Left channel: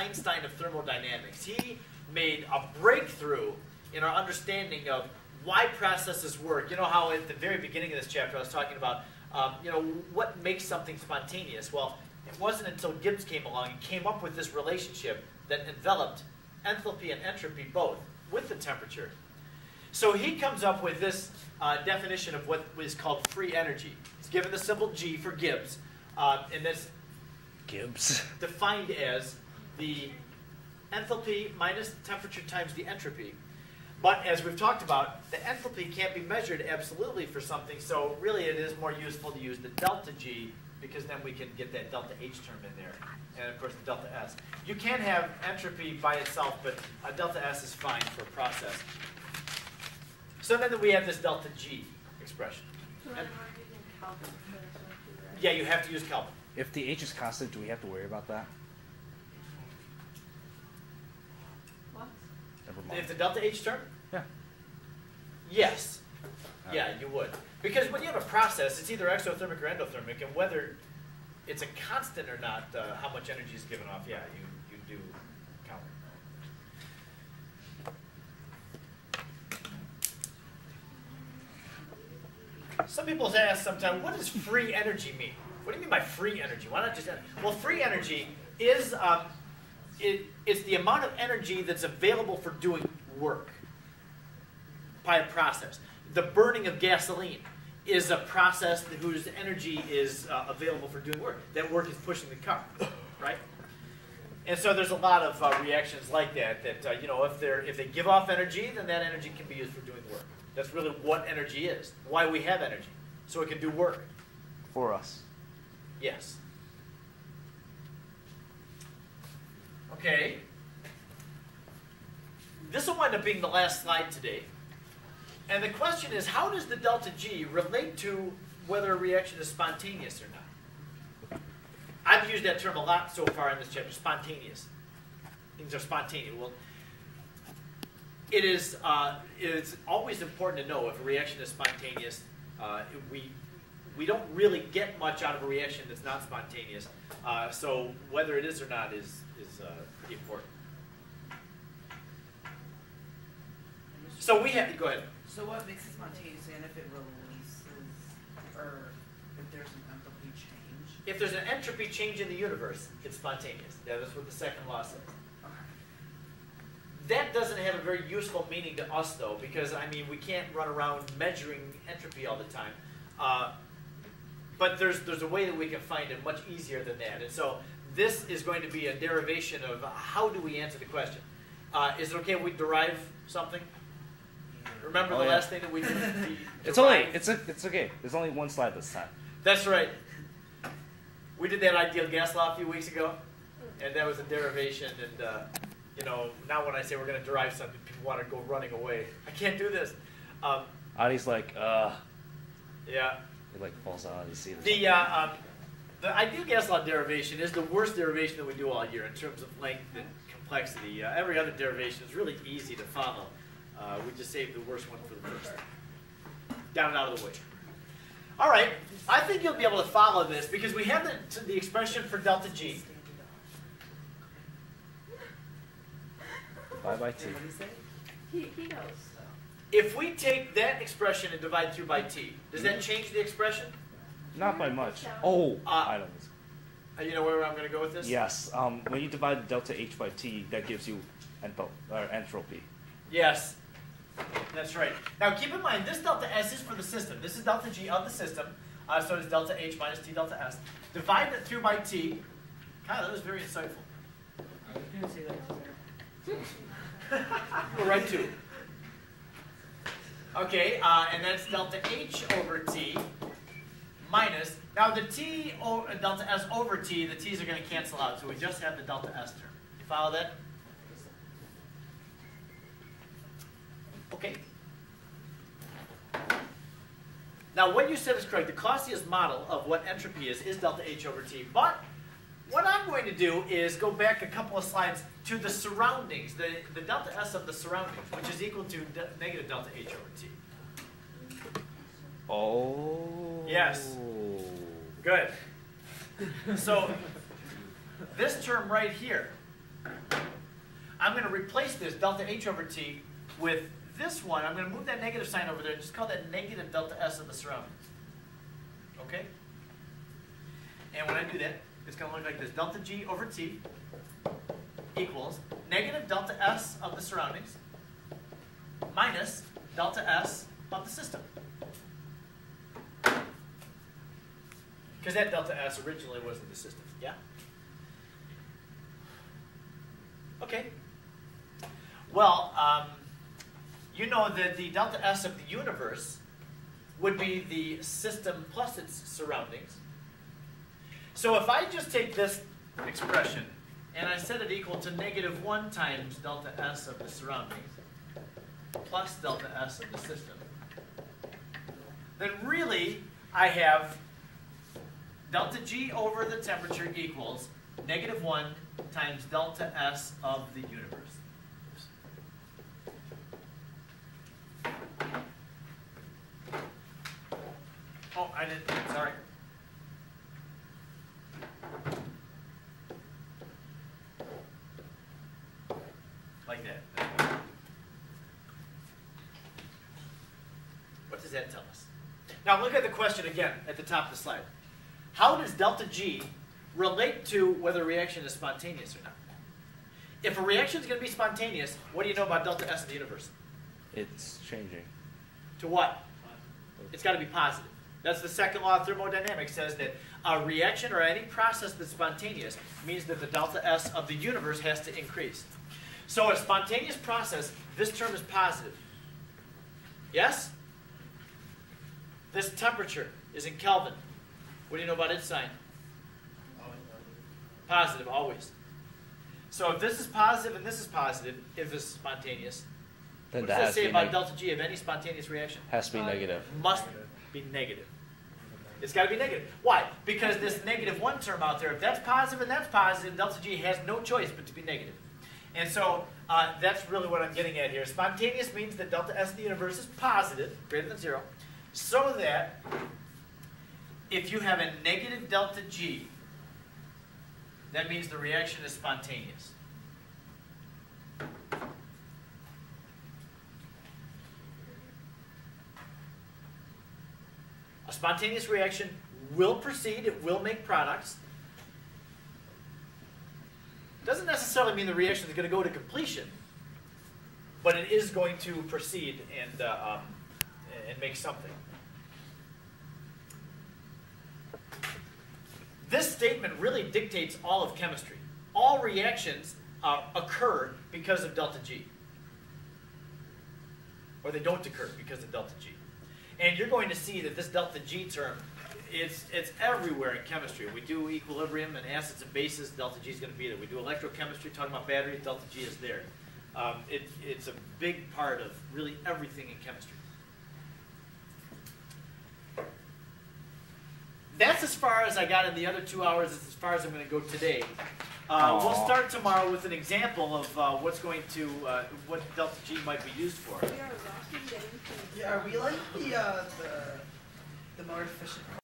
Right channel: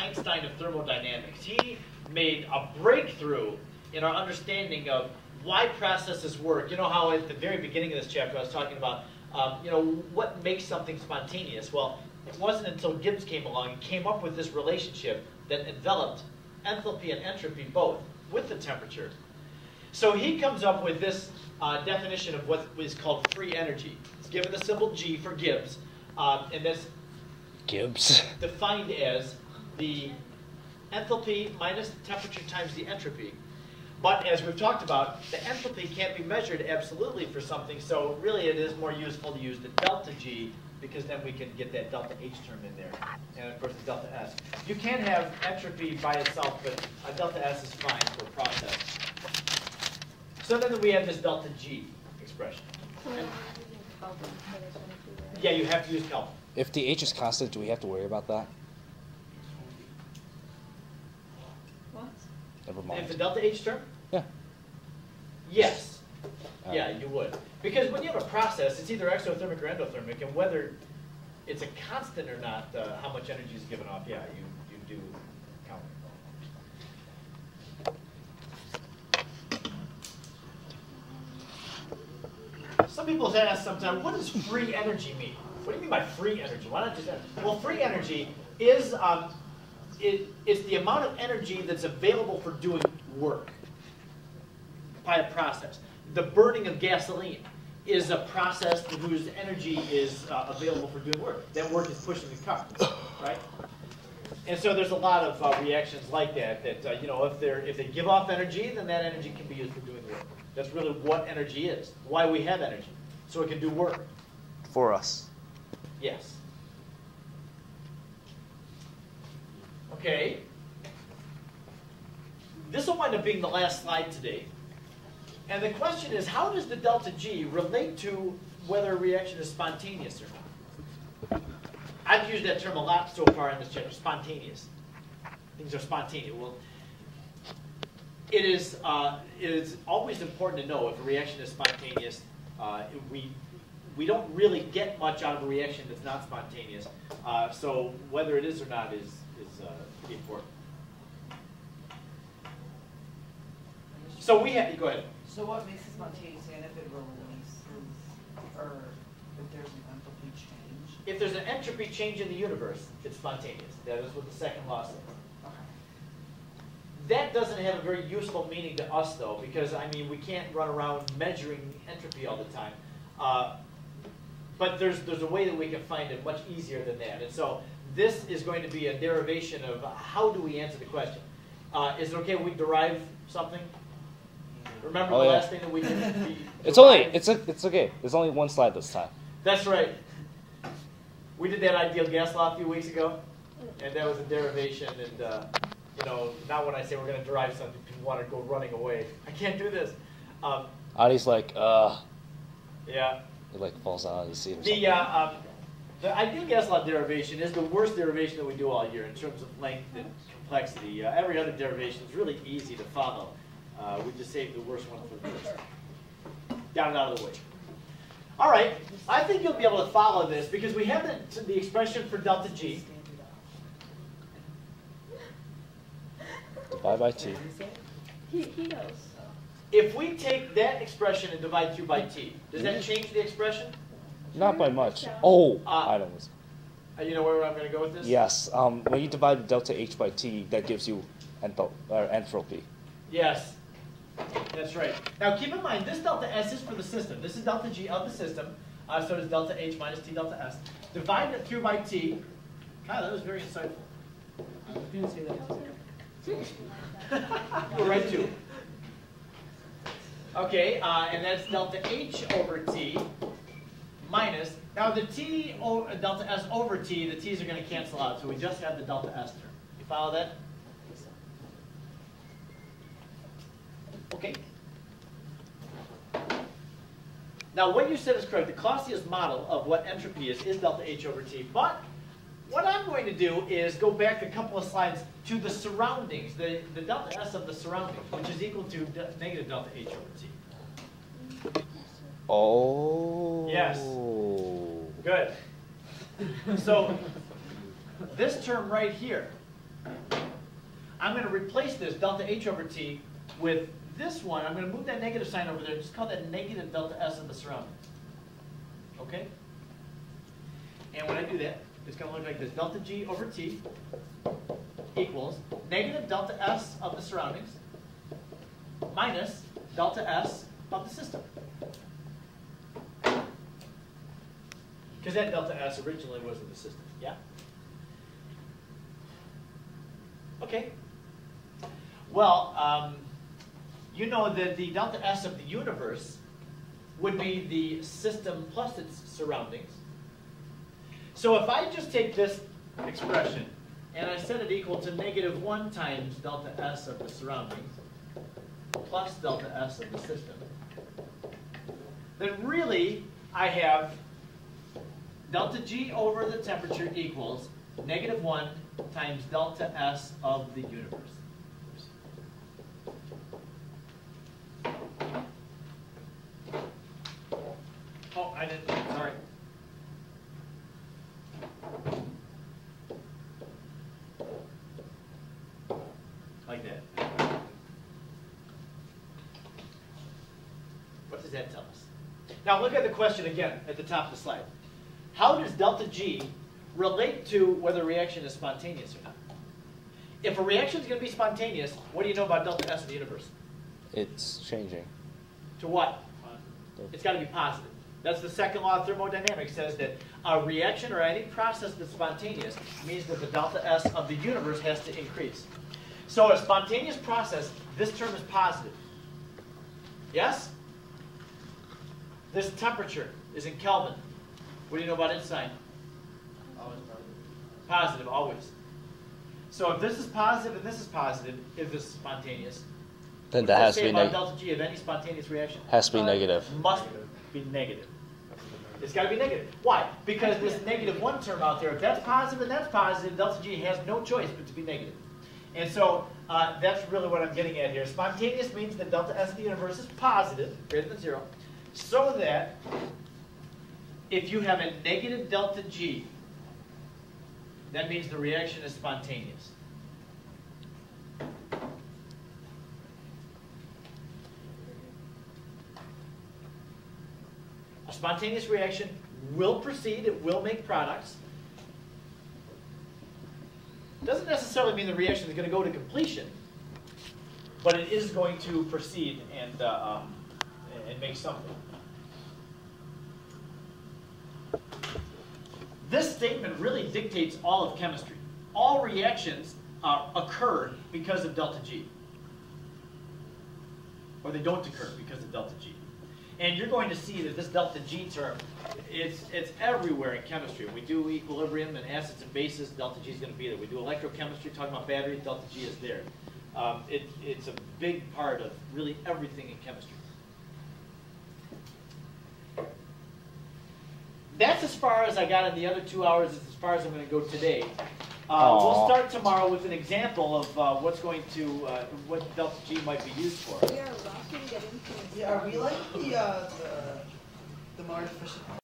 Einstein of thermodynamics. He made a breakthrough in our understanding of why processes work. You know how at the very beginning of this chapter I was talking about what makes something spontaneous? Well, it wasn't until Gibbs came along and came up with this relationship that enveloped enthalpy and entropy both with the temperature. So he comes up with this definition of what is called free energy. It's given the symbol G for Gibbs, and that's Gibbs defined as the enthalpy minus the temperature times the entropy. But as we've talked about, the enthalpy can't be measured absolutely for something, so really it is more useful to use the delta G, because then we can get that delta H term in there, and of course the delta S. You can have entropy by itself, but a delta S is fine for a process. So then we have this delta G expression. And yeah, you have to use Kelvin. If the H is constant, do we have to worry about that? What? Never mind. If the delta H term? Yeah. Yes. Yeah, you would. Because when you have a process, it's either exothermic or endothermic, and whether it's a constant or not, how much energy is given off, yeah, you do count. Some people ask sometimes, what does free energy mean? What do you mean by free energy? Why not just energy? Well, free energy is it's the amount of energy that's available for doing work by a process. The burning of gasoline is a process whose energy is available for doing work. That work is pushing the car, right? And so there's a lot of reactions like that. That if they give off energy, then that energy can be used for doing work. That's really what energy is. Why we have energy, so it can do work. For us. Yes. Okay. This will wind up being the last slide today. And the question is, how does the delta G relate to whether a reaction is spontaneous or not? I've used that term a lot so far in this chapter, spontaneous. Things are spontaneous. Well, it is always important to know if a reaction is spontaneous. We don't really get much out of a reaction that's not spontaneous. So whether it is or not is pretty important. So we have to go ahead. So what makes it spontaneous, and if it releases, or if there's an enthalpy change? If there's an entropy change in the universe, it's spontaneous. That is what the second law says. Okay. That doesn't have a very useful meaning to us, though, because, I mean, we can't run around measuring entropy all the time. But there's a way that we can find it much easier than that. And so this is going to be a derivation of how do we answer the question. Is it okay if we derive something? Remember the last thing that we did? It's okay. There's only one slide this time. That's right. We did that ideal gas law a few weeks ago, and that was a derivation. And now when I say we're going to derive something, people want to go running away. I can't do this. Adi's like, yeah. He like falls out of the seat or something. The ideal gas law derivation is the worst derivation that we do all year in terms of length and complexity. Every other derivation is really easy to follow. We just saved the worst one for the first. Got it out of the way. All right, I think you'll be able to follow this because we have the expression for delta G. Divide by T. He knows. If we take that expression and divide through by T, does that change the expression? Not by much. Oh, I don't know. You know where I'm going to go with this? Yes. When you divide delta H by T, that gives you entropy. Yes. That's right. Now keep in mind, this delta S is for the system. This is delta G of the system. So is delta H minus T delta S. Divide it through by T. Kyle, that was very insightful. I was going to say that. We're right to. Okay, and that's delta H over T minus, now the T, delta S over T, the T's are going to cancel out, so we just have the delta S term. You follow that? Okay. Now what you said is correct. The Clausius model of what entropy is delta H over T. But what I'm going to do is go back a couple of slides to the surroundings, the delta S of the surroundings, which is equal to negative delta H over T. Oh. Yes. Good. So this term right here I'm going to replace this delta H over T with this one. I'm going to move that negative sign over there. Just call that negative delta S of the surroundings. Okay? And when I do that, it's going to look like this. Delta G over T equals negative delta S of the surroundings minus delta S of the system. Because that delta S originally was in the system. Yeah? Okay. Well, you know that the delta S of the universe would be the system plus its surroundings. So if I just take this expression and I set it equal to negative 1 times delta S of the surroundings plus delta S of the system, then really I have delta G over the temperature equals negative 1 times delta S of the universe. Oh, I didn't, sorry. Like that. What does that tell us? Now look at the question again at the top of the slide. How does delta G relate to whether a reaction is spontaneous or not? If a reaction is going to be spontaneous, what do you know about delta S of the universe? It's changing. To what? It's got to be positive. That's the second law of thermodynamics, says that a reaction or any process that's spontaneous means that the delta S of the universe has to increase. So a spontaneous process, this term is positive. Yes? This temperature is in Kelvin. What do you know about its sign? Positive, always. So if this is positive and this is positive, if this is spontaneous, Then what that does has that to say be about delta G of any spontaneous reaction? Has to be negative. Must be negative. It's got to be negative. Why? Because this negative 1 term out there, if that's positive and that's positive, delta G has no choice but to be negative. And so that's really what I'm getting at here. Spontaneous means that delta S of the universe is positive, greater than 0, so that if you have a negative delta G, that means the reaction is spontaneous. A spontaneous reaction will proceed, it will make products. Doesn't necessarily mean the reaction is going to go to completion, but it is going to proceed and make something. This statement really dictates all of chemistry. All reactions occur because of delta G. Or they don't occur because of delta G. And you're going to see that this delta G term, it's everywhere in chemistry. We do equilibrium and acids and bases, delta G is going to be there. We do electrochemistry, talking about batteries, delta G is there. It's a big part of really everything in chemistry. That's as far as I got in the other 2 hours, as far as I'm going to go today. We'll start tomorrow with an example of what's going to, what delta G might be used for. We are rocking getting things. Yeah, are we like the more efficient